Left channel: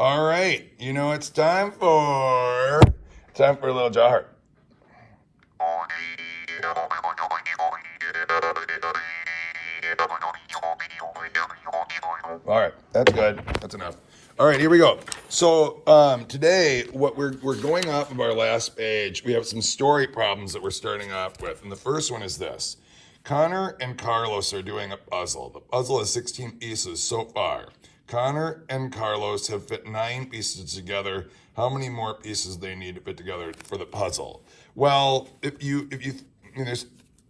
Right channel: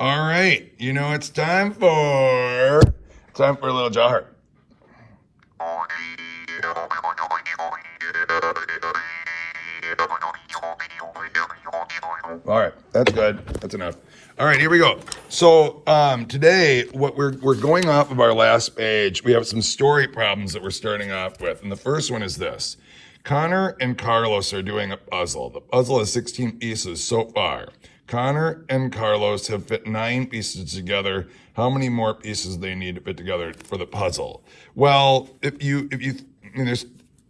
All right, you know it's time for a little jaw heart. All right, that's good. That's enough. All right, here we go. So today, what we're going off of our last page. We have some story problems that we're starting off with, and the first one is this: Connor and Carlos are doing a puzzle. The puzzle has 16 pieces so far. Connor and Carlos have fit 9 pieces together. How many more pieces do they need to fit together for the puzzle? Well, if you, I mean,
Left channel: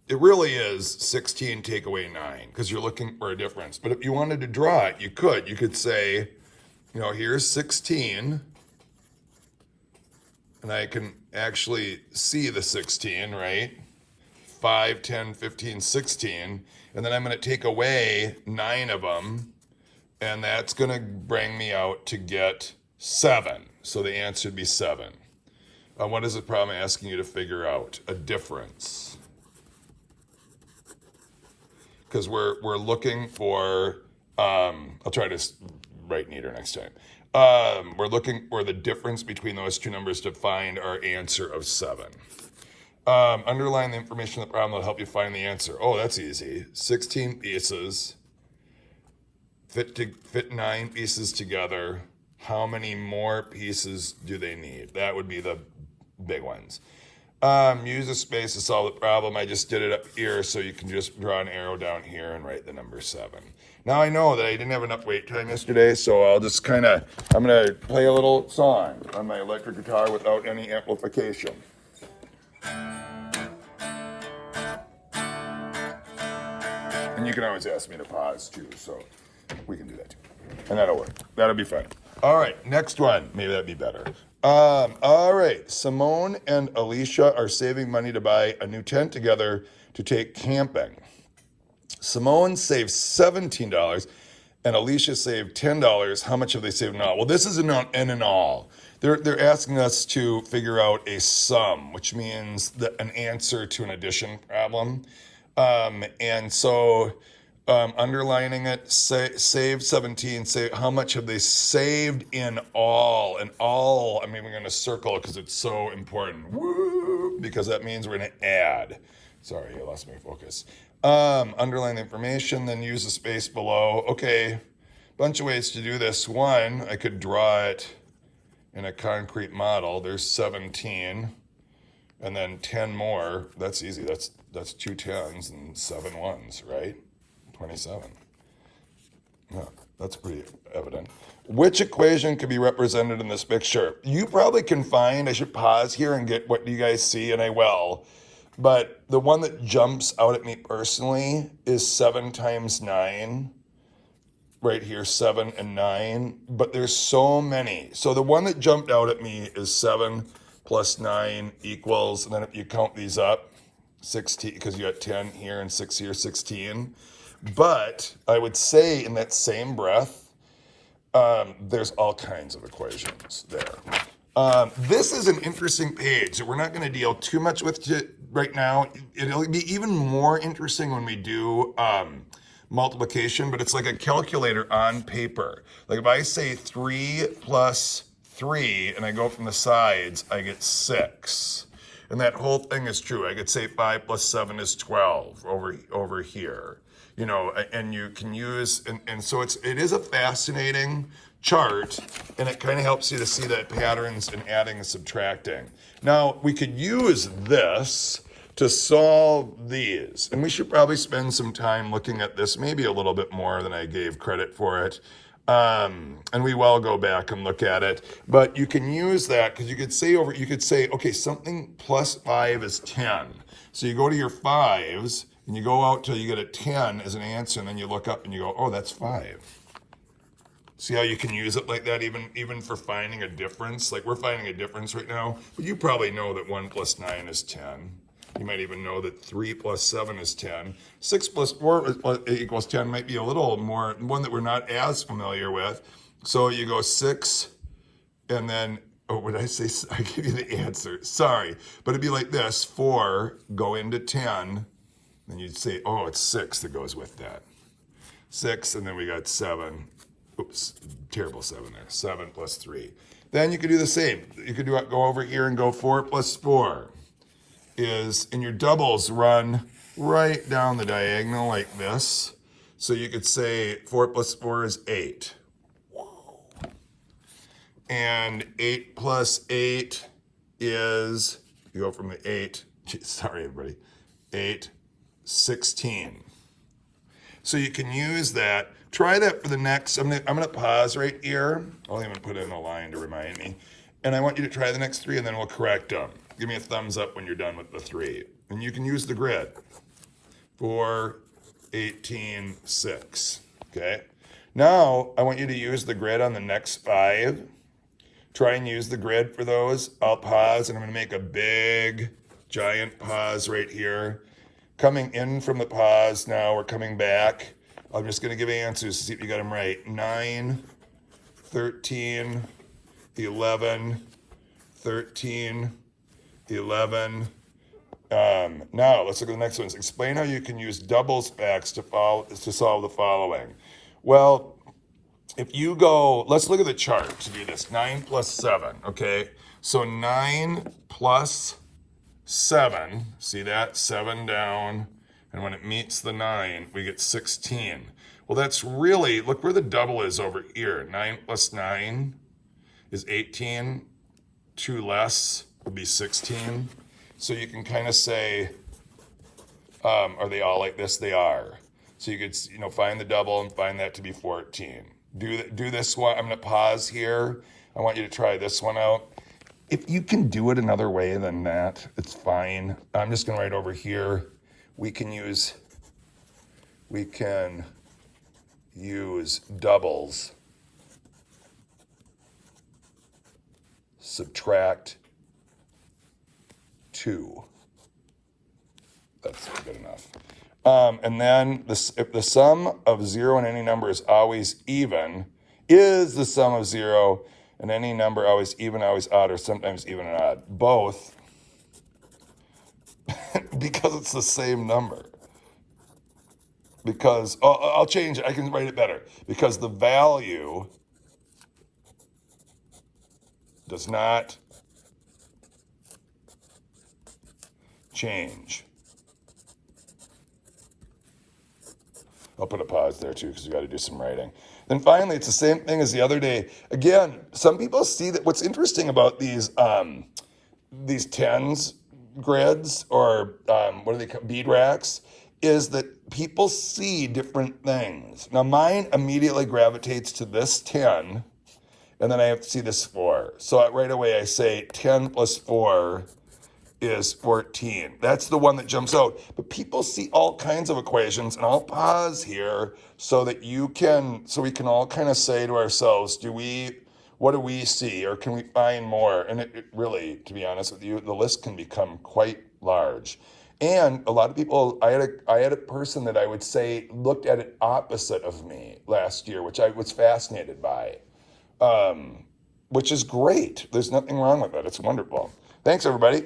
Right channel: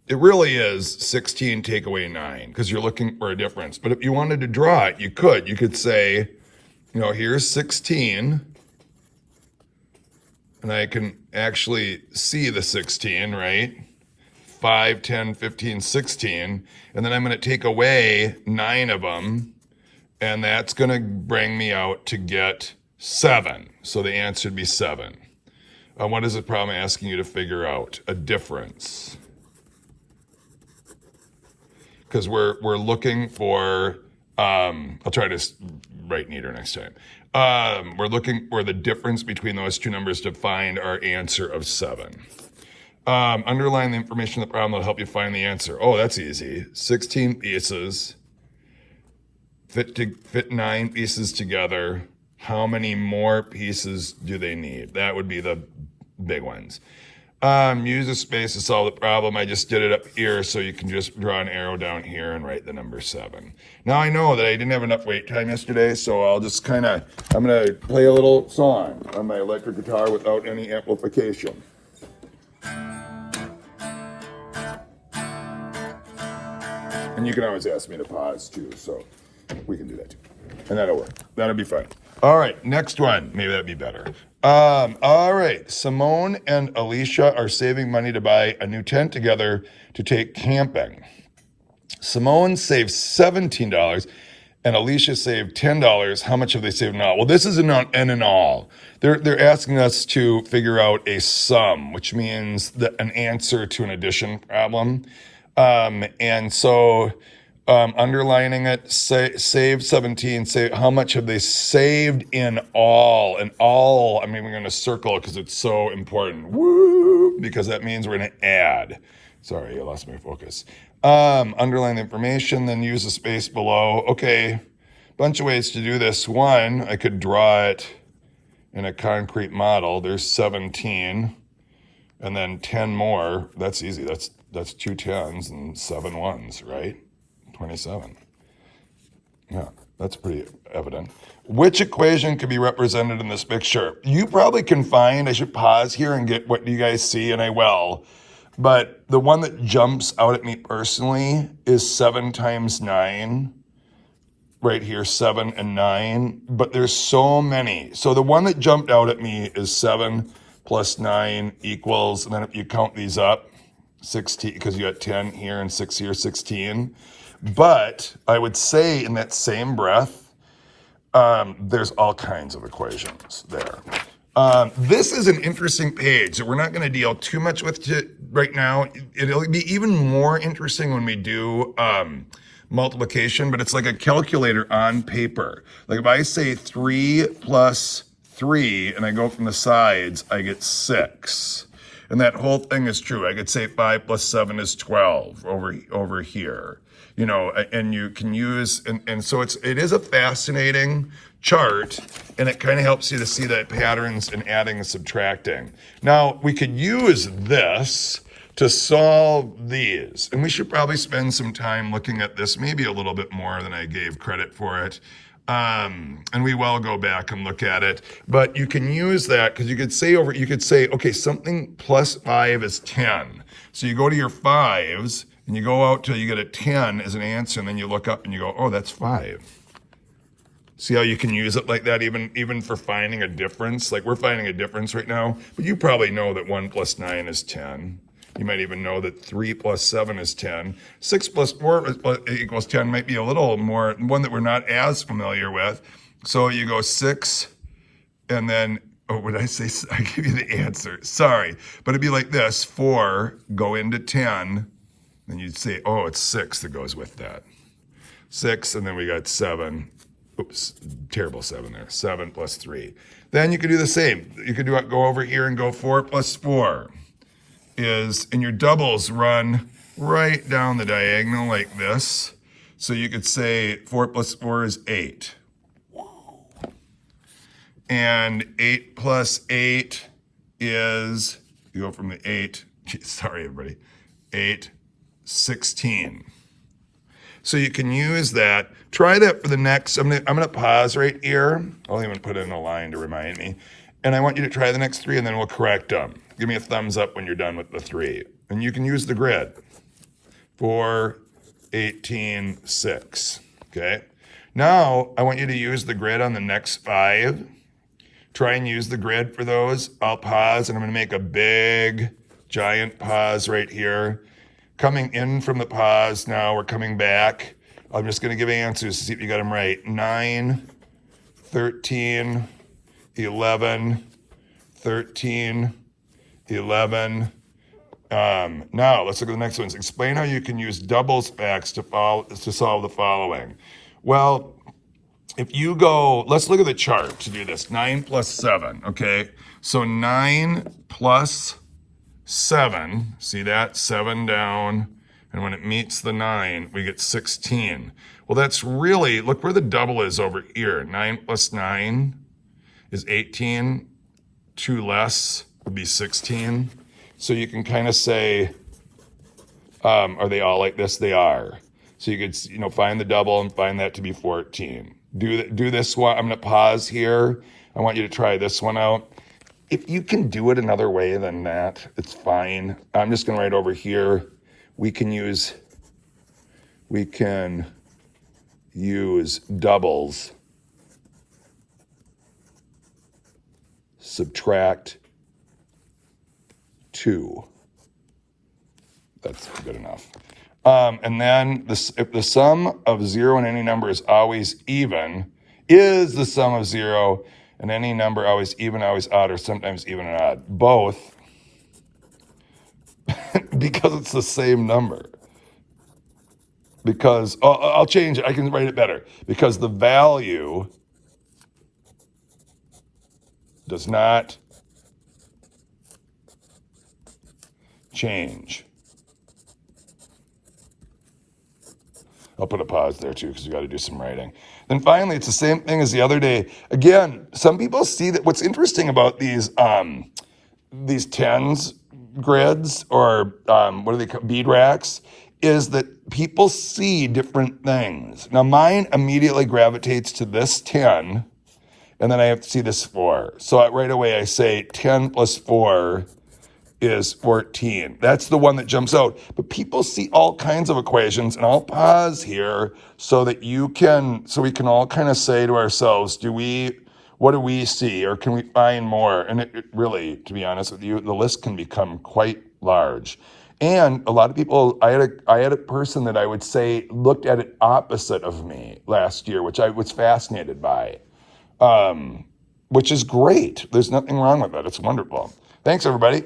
it really is 16 take away 9 because you're looking for a difference. But if you wanted to draw it, you could. You could say, you know, here's 16, and I can actually see the 16, right? 5, 10, 15, 16, and then I'm going to take away 9 of them, and that's going to bring me out to get 7. So the answer would be 7. What is the problem asking you to figure out? A difference. Because we're looking for, I'll try to write neater next time. We're looking for the difference between those two numbers to find our answer of 7. Underline the information in the problem that'll help you find the answer. Oh, that's easy. 16 pieces. Fit 9 pieces together. How many more pieces do they need? That would be the big ones. Use a space to solve the problem. I just did it up here, so you can just draw an arrow down here and write the number 7. Now I know that I didn't have enough wait time yesterday, so I'll just I'm gonna play a little song on my electric guitar without any amplification. And you can always ask me to pause too, so we can do that too. And that'll work. That'll be fun. All right, next one. Maybe that'd be better. All right, Simone and Alicia are saving money to buy a new tent together to take camping. Simone saved $17 and Alicia saved $10. How much have they saved in all? Well, this is an in all. They're asking us to figure out a sum, which means an answer to an addition problem. And so underlining it, save 17, say how much have they saved in all? And all, I'm even going to circle it because it's so important. Woo! Because that means we're going to add. Sorry, I lost my focus. Underline the information, then use the space below. Okay, bunch of ways to do this. One, I could draw it in a concrete model. There's 17, and then 10 more. That's easy. That's 2 10s and 7 1s, right? 27. Yeah, that's pretty evident. Which equation could be represented in this picture? You probably can find, I should pause here and get what you guys see, and I will. But the one that jumps out at me personally is 7 times 9. Right here, 7 and 9. But there's so many. So the one that jumped out at me is 7 plus 9 equals, and then if you count these up, 16, because you got 10 here and 6 here, 16. But I would say in that same breath, there's all kinds of equations there. This is an interesting page that we're not going to deal too much with right now. It'll be even more interesting when we do multiplication, but it's like a calculator on paper. Like if I say 3 plus 3 and I go from the sides, I get 6. And that whole thing is true. I could say 5 plus 7 is 12 over here. You know, and you can use, and so it is a fascinating chart, and it kind of helps you to see the patterns in adding and subtracting. Now, we could use this to solve these, and we should probably spend some time looking at this, maybe a little bit more than I gave credit for it. And we will go back and look at it, but you can use that because you could say, okay, something plus 5 is 10. So you go to your 5s, and you go out till you get a 10 as an answer, and then you look up and you go, oh, that's 5. See how you can use it like that even for finding a difference? Like we're finding a difference right now, but you probably know that 1 plus 9 is 10. You might even know that 3 plus 7 is 10. 6 plus 4 equals 10 might be a little more, one that we're not as familiar with. So you go 6, and then, oh, what did I say? I give you the answer. Sorry. But it'd be like this: 4, go into 10, then you'd say, oh, it's 6 that goes with that. 6, and then we got 7. oops, terrible 7 there. 7 plus 3. Then you could do the same. You could go over here and go 4 plus 4 is, and your doubles run right down the diagonal like this. So you could say 4 plus 4 is 8. And 8 plus 8 is, you go from the 8, sorry everybody, 8, 16. So you can use that. Try that for the next, I'm gonna pause right here. I'll even put in a line to remind me. And I want you to try the next 3 and then we'll correct them. Give me a thumbs up when you're done with the 3. And you can use the grid. 4, 18, 6, okay? Now, I want you to use the grid on the next 5. Try and use the grid for those. I'll pause and I'm gonna make a big, giant pause right here. Coming in from the pause now, we're coming back. I'm just gonna give answers to see if you got them right. 9, 13, 11, 13, 11. Now, let's look at the next ones. Explain how you can use doubles facts to solve the following. Well, if you go, let's look at the chart to do this. 9 plus 7, okay? So 9 plus 7, see that? 7 down, and when it meets the 9, we get 16. Well, that's really, look where the double is over here. 9 plus 9 is 18. 2 less would be 16. So you can kind of say, are they all like this? They are. So you could, find the double and find that to be 14. Do this one. I'm going to pause here. I want you to try this one out. If you can do it another way than that, it's fine. I'm just going to write over here. We can use doubles. Subtract 2. That's good enough. And then if the sum of 0 and any number is always even, is the sum of 0 and any number always even, always odd, or sometimes even and odd? Both, because it's the same number. Because, I'll change it, I can write it better. Because the value does not change. I'll put a pause there too, because you got to do some writing. Then finally, it's the same thing as the other day. Again, some people see that what's interesting about these tens grids, or what do they call bead racks, is that people see different things. Now mine immediately gravitates to this 10, and then I have to see this 4. So right away I say 10 plus 4 is 14. That's the one that jumps out. But people see all kinds of equations, and I'll pause here so that we can all kind of say to ourselves, what do we see, or can we find more? And it really, to be honest with you, the list can become quite large. And a lot of people, I had a person that I would say looked at it opposite of me last year, which I was fascinated by, which is great. There's nothing wrong with that. It's wonderful. Thanks, everybody.